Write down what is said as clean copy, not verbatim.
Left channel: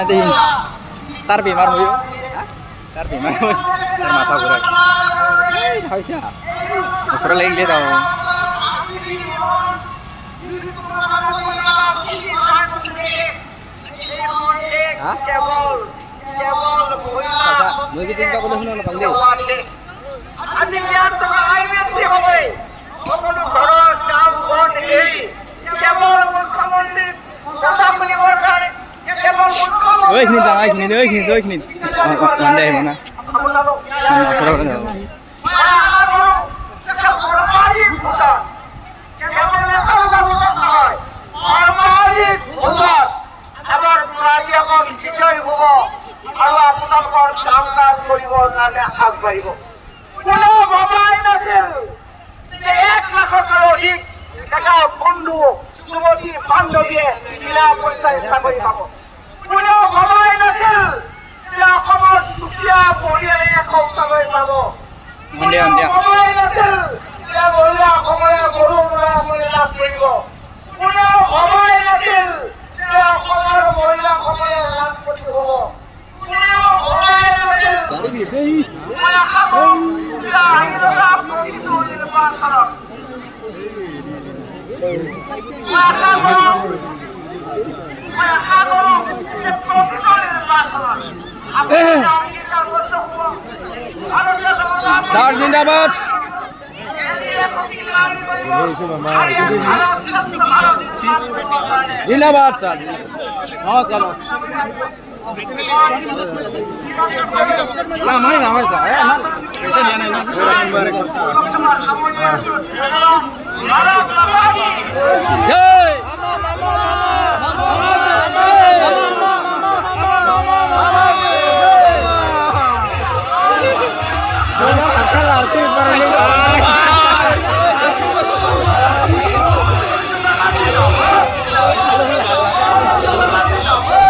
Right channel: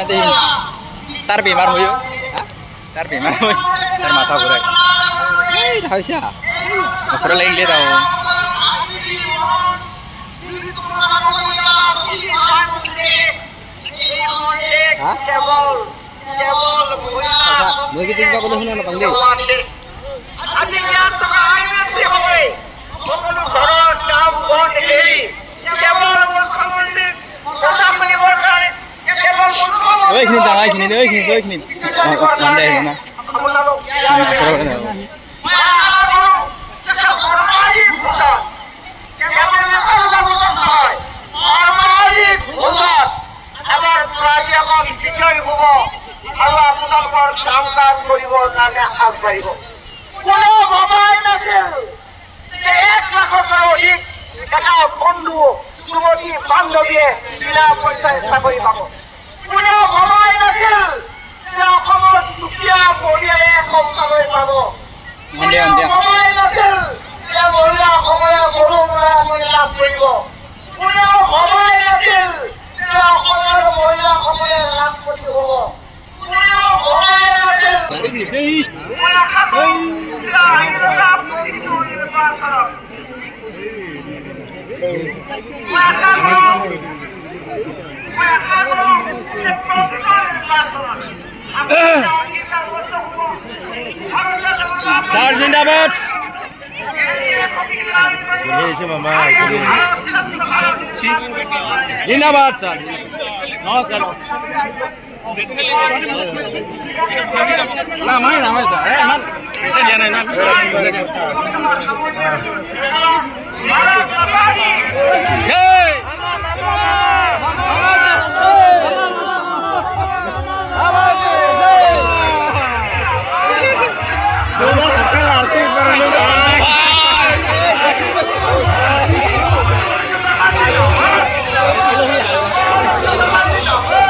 না দেখি তার বেমার হইও তার বেমার হই তার মাথা ঘুরায় হয়েছে বছর লাগি গিয়ে দাও মেয়ে কি চিন্তা করলে শুনে না পাইলে ওইখানে জায়গা ওইখানে নামটা আহিব না ওচৰৰ পৰা যাব আৰু আপোনালোকৰ কাম কাজ কৰিবৰ কাৰণে আগবাঢ়িব কোনো ভবাই নাছিল যে 1 লাখতকৈ অধিক এটা বন্ধু যুৱতী বান্ধৱীয়ে বিনা পইচাৰে চাকৰি পাব কোনেও ভবাই নাছিল যে অসমত দুখীয়া পৰিয়ালে শৌচালয় পাব ভবাই নাছিল যে মহিলাসকলে গৰু মূলা লাভ কৰিব কোনেও ভবাই নাছিল যে অসমৰ মহিলাসকলে লাখপতি হ'ব কোনেও ভবাই নাছিল মই আশা কৰোঁ যে আহিবলগা প্ৰতিটো নিৰ্বাচনত মই আশা কৰোঁ যে প্ৰতিটো নিৰ্বাচনত স্যার জিন্দাবাদ জিন্দাবাদ স্যার নমস্কার Hãy subscribe cho kênh Ghiền Mì Gõ để không bỏ lỡ